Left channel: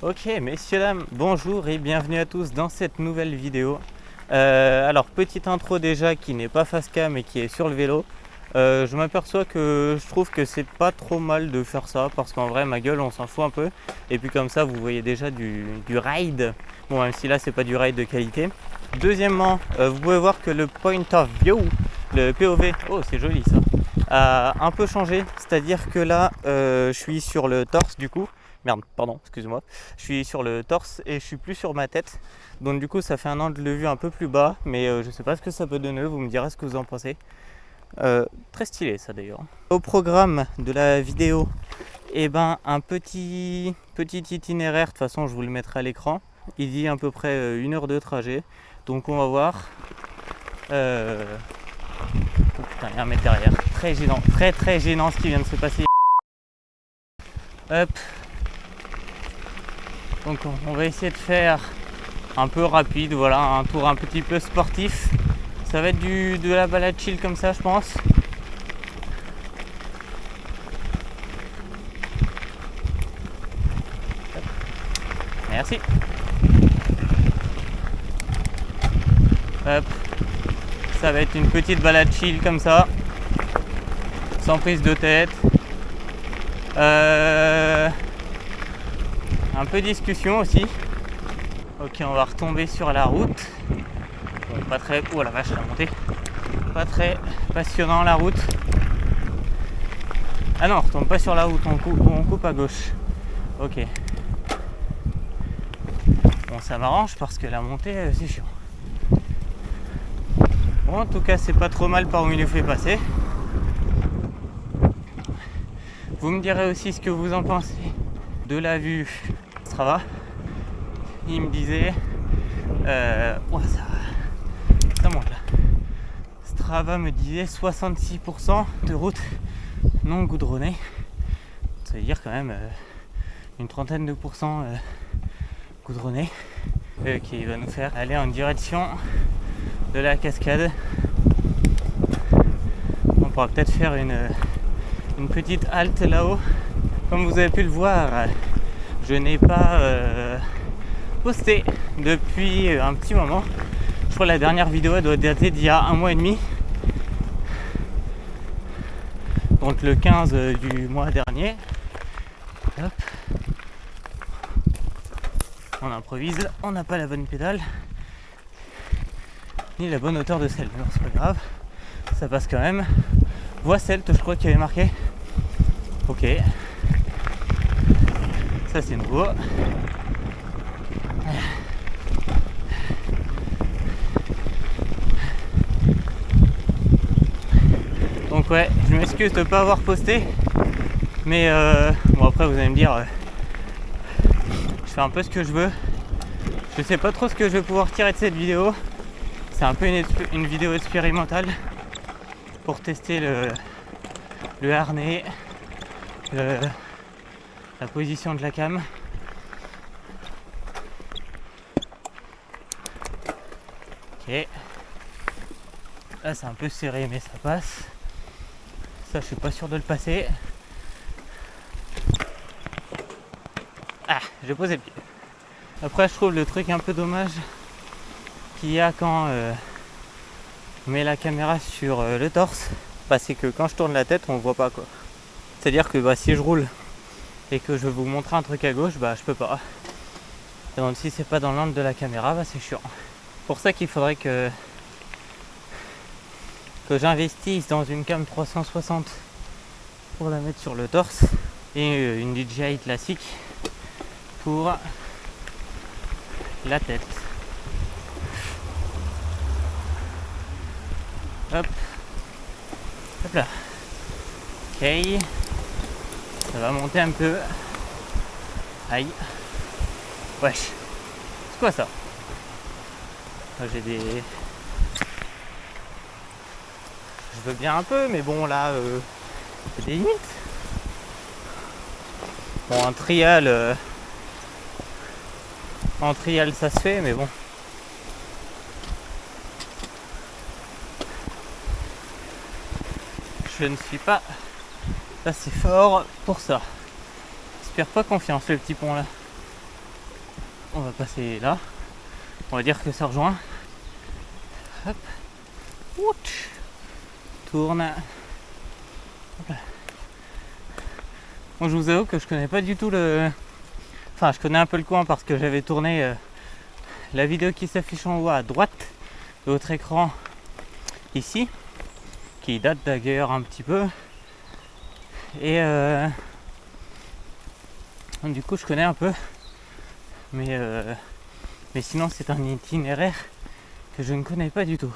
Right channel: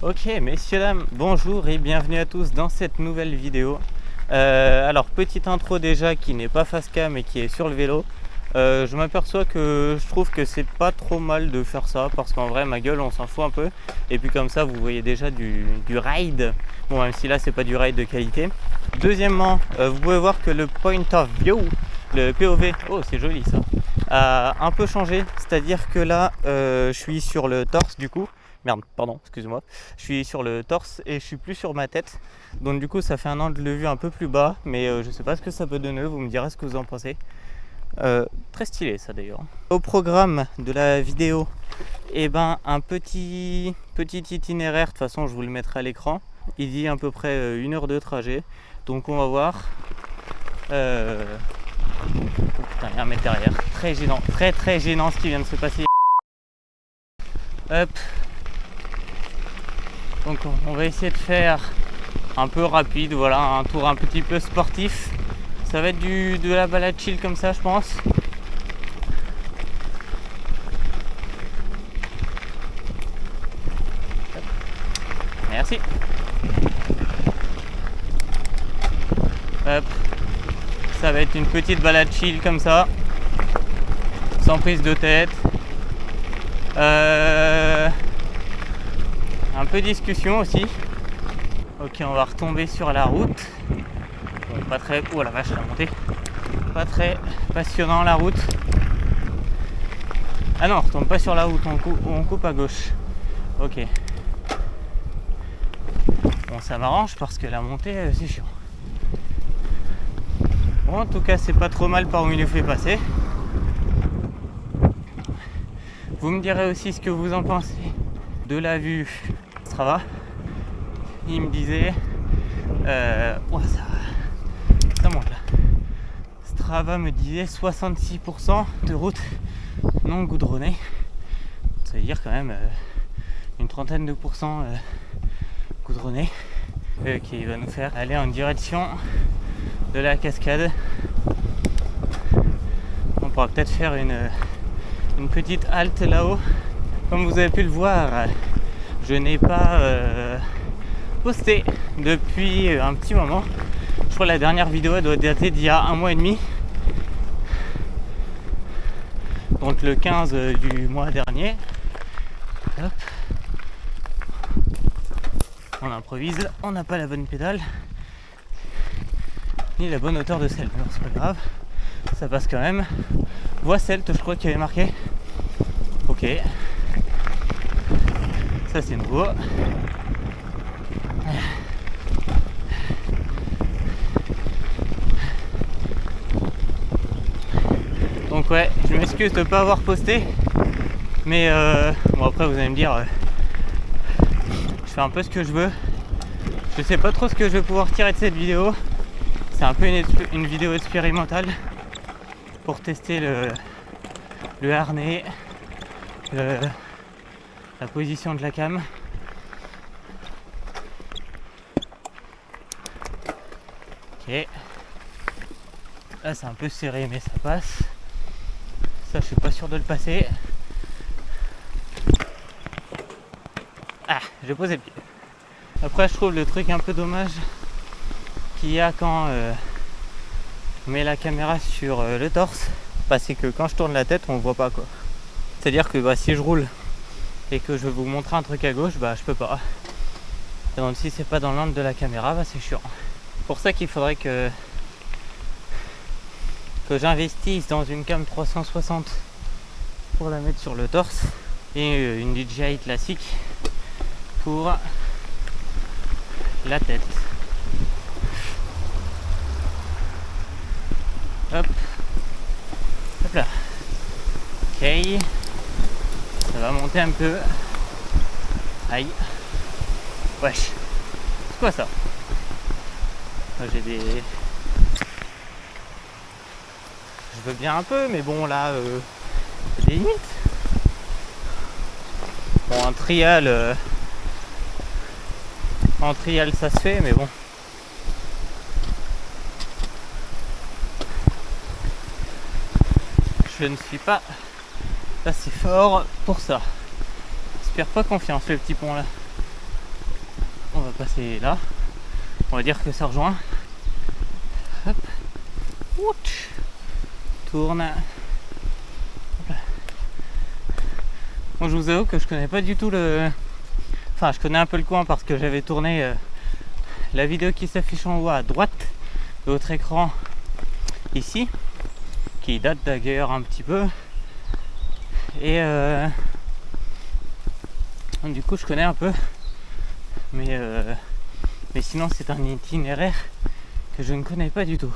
Ok, messieurs, dames, bonjour et bienvenue à tous dans cette nouvelle vidéo. Alors, petite intro déjà qui n'est pas face cam et qui est sur le vélo. Je m'aperçois que je trouve que c'est pas trop mal de faire ça parce qu'en vrai, ma gueule, on s'en fout un peu. Et puis comme ça, vous voyez déjà du ride. Bon, même si là, c'est pas du ride de qualité. Deuxièmement, vous pouvez voir que le point of view, le POV, oh c'est joli ça, a un peu changé. C'est-à-dire que là, je suis sur le torse du coup. Merde, pardon, excuse-moi. Je suis sur le torse et je suis plus sur ma tête. Donc du coup, ça fait un angle de vue un peu plus bas, mais je sais pas ce que ça peut donner. Vous me direz ce que vous en pensez. Très stylé ça d'ailleurs. Au programme de la vidéo, un petit itinéraire. De toute façon, je vous le mettrai à l'écran. Il dit à peu près 1 heure de trajet. Donc on va voir. Oh putain, il y a un mec derrière. Très gênant, très gênant ce qui vient de se passer. Hop. Donc on va essayer de faire un peu rapide, voilà, un tour un petit peu sportif. Ça va être de la balade chill comme ça, je pense. Merci. Hop. Ça va être une petite balade chill comme ça, sans prise de tête. Un peu discussion aussi. Ok, on va retomber sur la route. Bon, pas très... Oh la vache, la montée. Pas très passionnant la route. Ah non, on retombe pas sur la route, on coupe à gauche. Ok. Bon, ça m'arrange parce que la montée, c'est chiant. Bon, en tout cas, c'est pas trop mal par où il nous fait passer. Vous me direz aussi ce que vous en pensez de la vue Strava. Il me disait oh, ça monte là. Strava me disait 66% de routes non goudronnées. Ça veut dire quand même une trentaine de pourcents goudronnées, qui va nous faire aller en direction de la cascade. On pourra peut-être faire une petite halte là-haut. Comme vous avez pu le voir, je n'ai pas posté depuis un petit moment. Je crois que la dernière vidéo elle doit dater d'il y a 1 mois et demi. Donc le 15 du mois dernier. Hop. On improvise, on n'a pas la bonne pédale ni la bonne hauteur de selle, mais c'est pas grave, ça passe quand même. Voie celte, je crois qu'il y avait marqué. Ok, ça c'est nouveau. Donc ouais, je m'excuse de ne pas avoir posté, mais bon après vous allez me dire, je fais un peu ce que je veux. Je sais pas trop ce que je vais pouvoir tirer de cette vidéo. C'est un peu une vidéo expérimentale pour tester le harnais, la position de la cam. Ok. Là c'est un peu serré mais ça passe. Ça je suis pas sûr de le passer. Ah, j'ai posé le pied. Après je trouve le truc un peu dommage qu'il y a quand on met la caméra sur le torse, c'est que quand je tourne la tête on ne voit pas quoi. C'est à dire que si je roule et que je veux vous montrer un truc à gauche, je peux pas. Et donc si c'est pas dans l'angle de la caméra, c'est chiant. Pour ça qu'il faudrait que j'investisse dans une cam 360 pour la mettre sur le torse et une DJI classique pour la tête. Hop, hop là. Ok, ça va monter un peu. Aïe. Wesh. C'est quoi ça? J'ai des... Je veux bien un peu, mais bon là, il y a des limites. Bon, en trial ça se fait, mais bon. Je ne suis pas assez fort pour ça. J'espère pas confiance le petit pont là. va passer là. On va dire que ça rejoint. Hop. Ouch. Tourne. Hop là. Bon, je vous avoue que je connais pas du tout le... Enfin, je connais un peu le coin parce que j'avais tourné la vidéo qui s'affiche en haut à droite de votre écran ici, qui date d'ailleurs un petit peu. Et du coup, je connais un peu. Mais sinon, c'est un itinéraire que je ne connais pas du tout.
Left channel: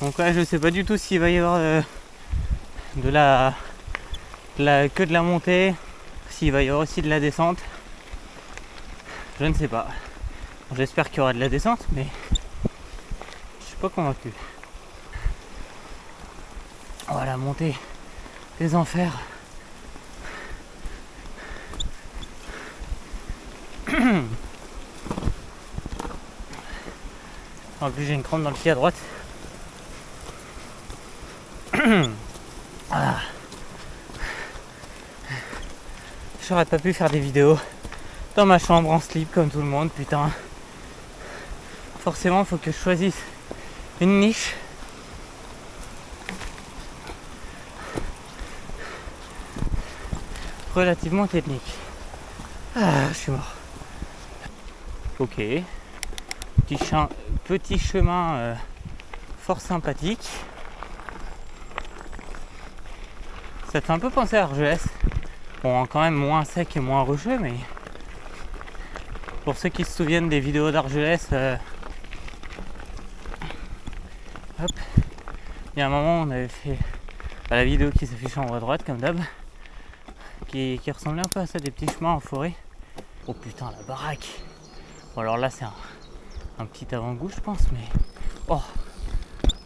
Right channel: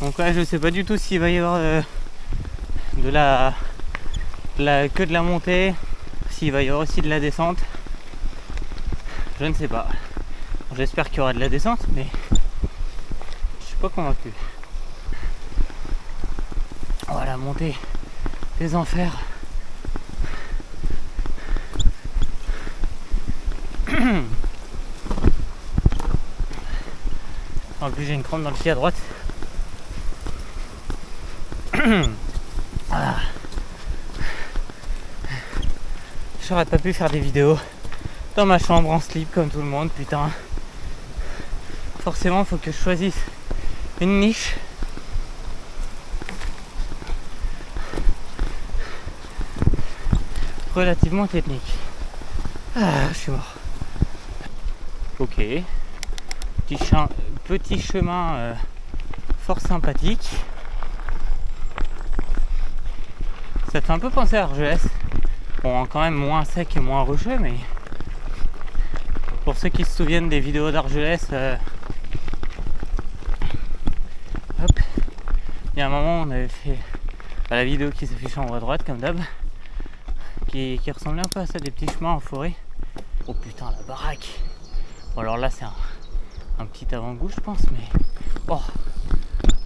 Donc ouais, je sais pas du tout s'il va y avoir que de la montée, s'il va y avoir aussi de la descente. Je ne sais pas. J'espère qu'il y aura de la descente, mais je suis pas convaincu. Voilà, montée des enfers. En plus, j'ai une crampe dans le pied à droite. Voilà. J'aurais pas pu faire des vidéos dans ma chambre en slip comme tout le monde, putain. Forcément, faut que je choisisse une niche. Relativement technique. Ah, je suis mort. Ok. Petit chemin fort sympathique. Ça fait un peu penser à Argelès. Bon, quand même moins sec et moins rocheux, mais pour ceux qui se souviennent des vidéos d'Argelès, hop, il y a un moment on avait fait la vidéo qui s'affiche en haut à droite comme d'hab, qui ressemblait un peu à ça, des petits chemins en forêt. Oh putain, la baraque. Bon, alors là c'est un petit avant-goût je pense, mais oh,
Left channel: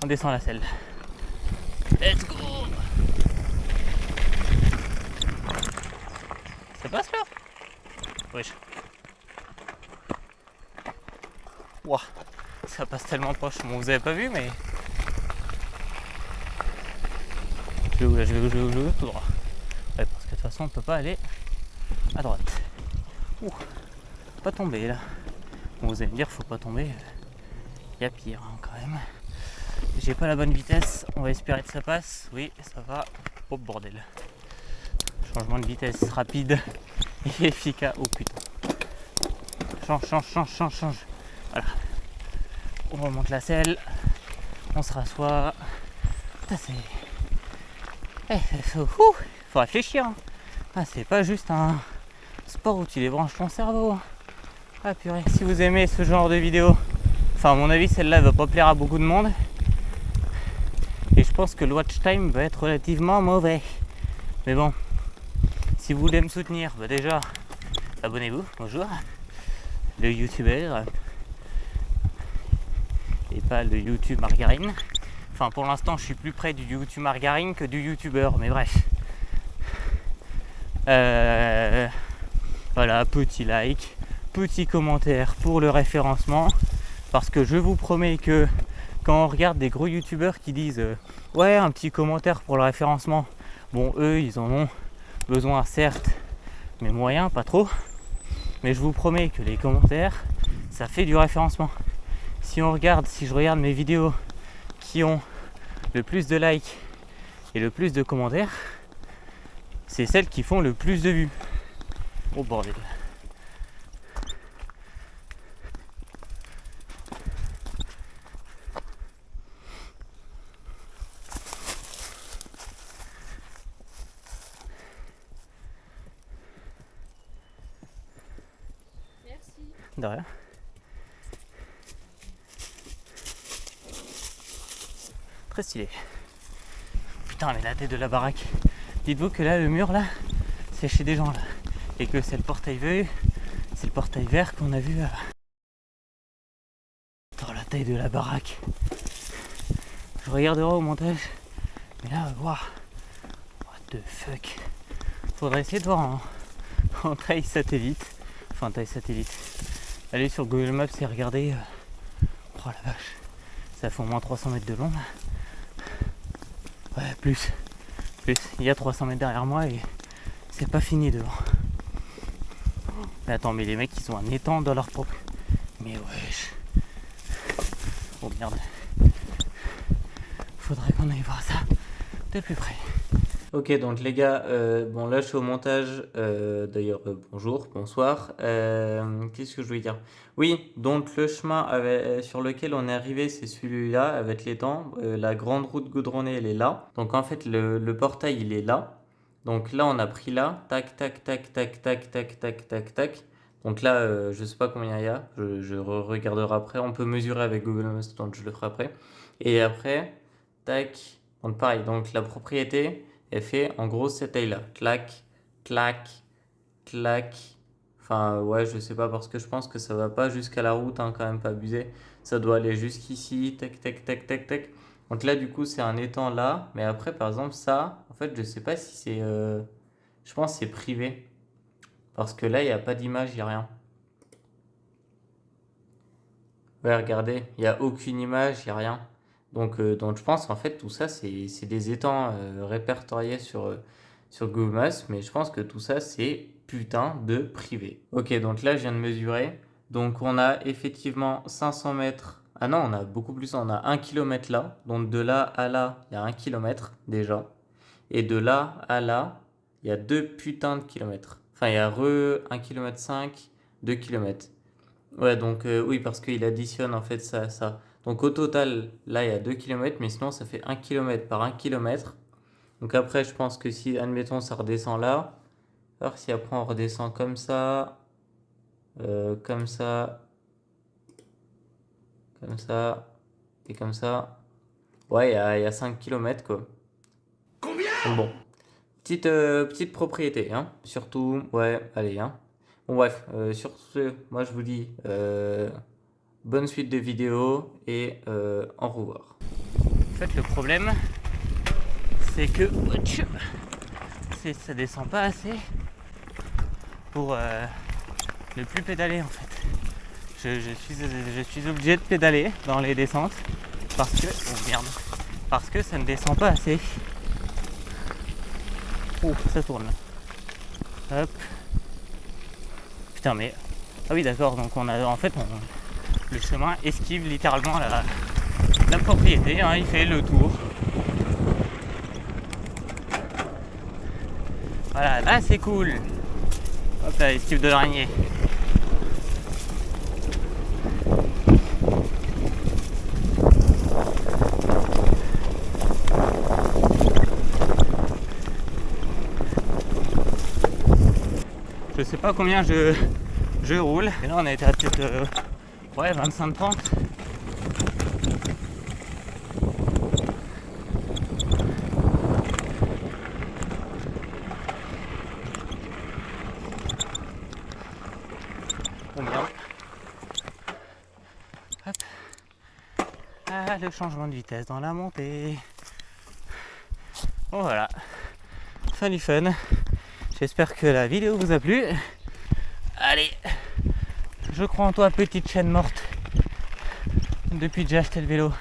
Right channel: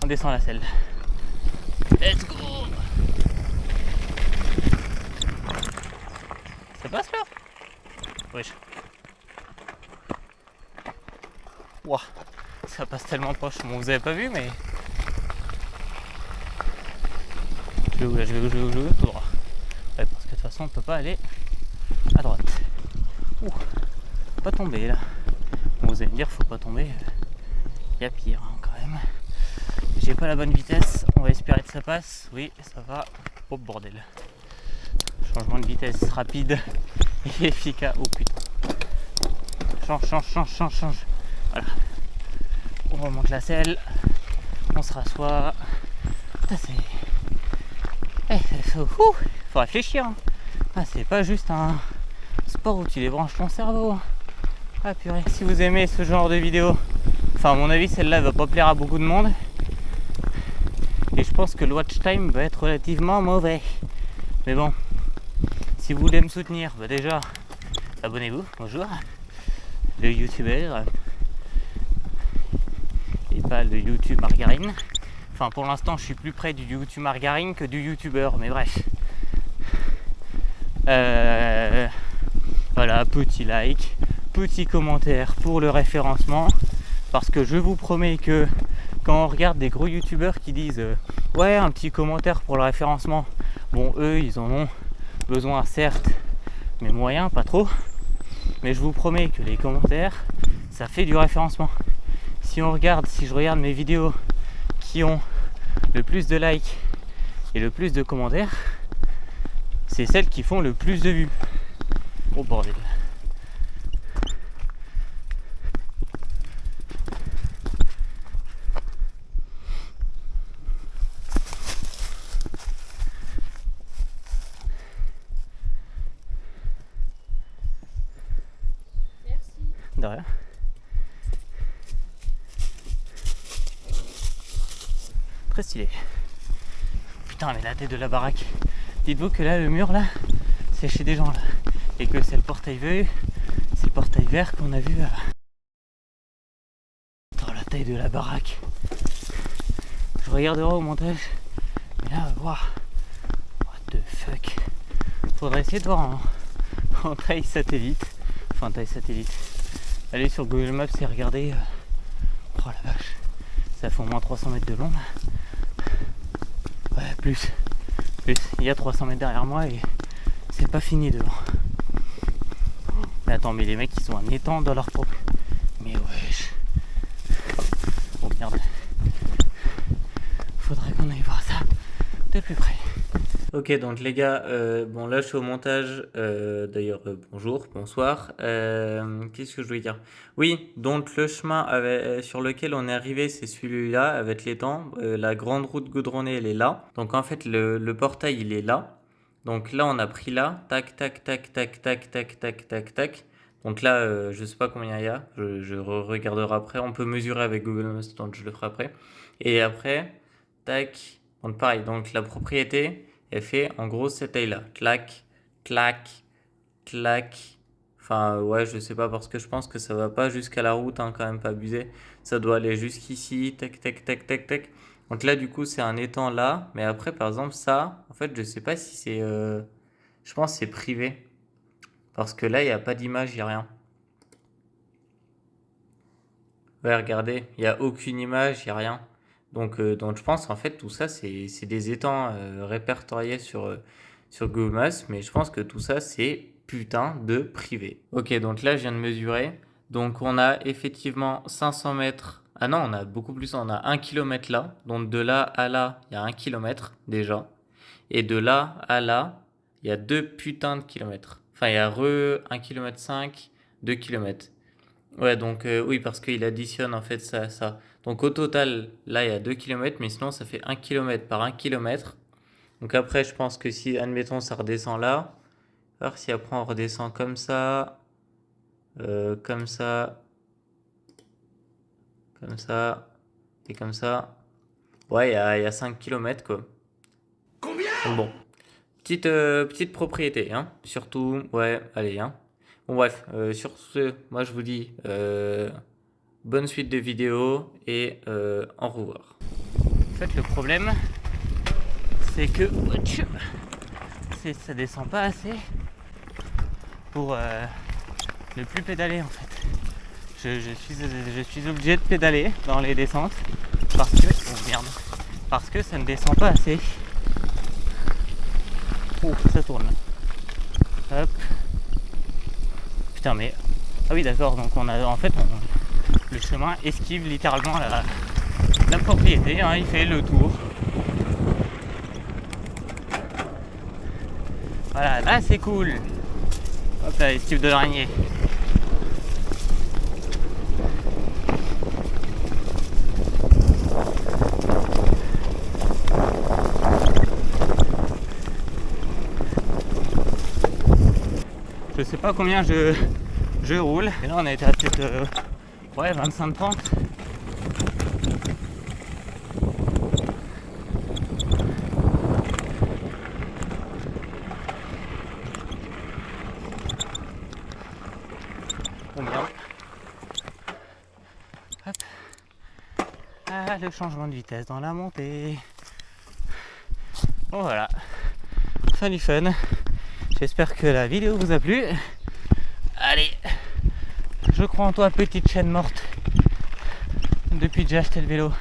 on descend la selle. Let's go. Ça passe là? Wesh. Ouah, ça passe tellement proche. Bon, vous avez pas vu, mais je vais tout droit. Ouais, parce que de toute façon on peut pas aller à droite. Ouh, pas tomber là. Bon, vous allez me dire faut pas tomber. Il y a pire hein, quand même. J'ai pas la bonne vitesse. On va espérer que ça passe. Oui, ça va. Oh bordel. Changement de vitesse rapide et efficace. Oh putain. Change. Voilà. On remonte la selle. On se rassoit. Putain, faut réfléchir. Hein. Ah, c'est pas juste un sport où tu débranches ton cerveau. Hein. Ah purée. Si vous aimez ce genre de vidéo, enfin à mon avis celle-là va pas plaire à beaucoup de monde. Et je pense que le watch time va être relativement mauvais. Mais bon, si vous voulez me soutenir, bah déjà, abonnez-vous, bonjour. Le youtubeur. Et pas le YouTube margarine. Enfin pour l'instant je suis plus près du YouTube margarine que du youtubeur, mais bref. Voilà, petit like, petit commentaire pour le référencement. Parce que je vous promets que quand on regarde des gros youtubeurs qui disent ouais un petit commentaire pour le référencement, bon eux ils en ont besoin certes, mais moyen pas trop. Mais je vous promets que les commentaires ça fait du référencement. Si je regarde mes vidéos qui ont le plus de likes et le plus de commentaires, c'est celles qui font le plus de vues. Oh bordel. Merci. De rien. Très stylé. Putain, mais la tête de la baraque. Dites-vous que là, le mur là, c'est chez des gens là. Et que c'est le portail vert qu'on a vu. Dans la taille de la baraque. Je regarderai au montage. Mais là, waouh. What the fuck. Faudrait essayer de voir en taille satellite. Enfin, taille satellite. Aller sur Google Maps et regarder. Oh la vache. Ça fait au moins 300 mètres de long là. Ouais, plus. Il y a 300 mètres derrière moi et c'est pas fini devant. Mais attends, mais les mecs ils ont un étang dans leur propre. Mais wesh. Oh merde. Faudrait qu'on aille voir ça de plus près. Ok, donc les gars, bon là je suis au montage, d'ailleurs bonjour, bonsoir, qu'est-ce que je voulais dire? Oui, donc le chemin sur lequel on est arrivé, c'est celui-là, avec l'étang, la grande route goudronnée, elle est là, donc en fait le portail il est là, donc là on a pris là, tac, tac, tac, tac, tac, tac, tac, tac, tac, donc là je sais pas combien il y a, je regarderai après, on peut mesurer avec Google Maps, donc je le ferai après, et après, tac, donc pareil, donc la propriété, elle fait en gros cette taille-là. Clac, clac, clac. Enfin, ouais, je sais pas parce que je pense que ça va pas jusqu'à la route, hein, quand même pas abuser. Ça doit aller jusqu'ici, tac, tac, tac, tac, tac. Donc là, du coup, c'est un étang là. Mais après, par exemple, ça, en fait, je sais pas si c'est. Je pense que c'est privé. Parce que là, il n'y a pas d'image, il n'y a rien. Ouais, regardez, il n'y a aucune image, il n'y a rien. Donc je pense en fait tout ça c'est des étangs répertoriés sur Google Maps, mais je pense que tout ça c'est putain de privé. Ok, donc là je viens de mesurer. Donc on a effectivement 500 mètres. Ah non, on a beaucoup plus, on a 1 km là. Donc de là à là, il y a 1 km déjà. Et de là à là, il y a 2 putains de kilomètres. Enfin, il y a 1 km 5, 2 km. Ouais, donc oui, parce qu'il additionne en fait ça à ça. Donc au total, là, il y a 2 km, mais sinon, ça fait 1 km par 1 km. Donc après, je pense que si, admettons, ça redescend là, alors si après on redescend comme ça, comme ça, et comme ça, ouais, il y a 5 km quoi. Donc bon, petite propriété, hein. Surtout, ouais, allez, hein. Bon bref, sur ce, moi je vous dis bonne suite de vidéos et au revoir. En fait, le problème, c'est que ça descend pas assez pour ne plus pédaler en fait. Je suis obligé de pédaler dans les descentes parce que parce que ça ne descend pas assez. Oh, ça tourne. Hop. Putain mais ah oui d'accord, donc on a en fait le chemin esquive littéralement la propriété, hein, il fait le tour. Voilà, là c'est cool. Hop là, esquive de l'araignée. Je sais pas combien je roule. Et là on a été à peut-être 25-30. Oh merde. Hop. Ah, le changement de vitesse dans la montée. Bon voilà. Fin du fun. J'espère que la vidéo vous a plu. Allez, je crois en toi, petite chaîne morte. Depuis que j'ai acheté le vélo.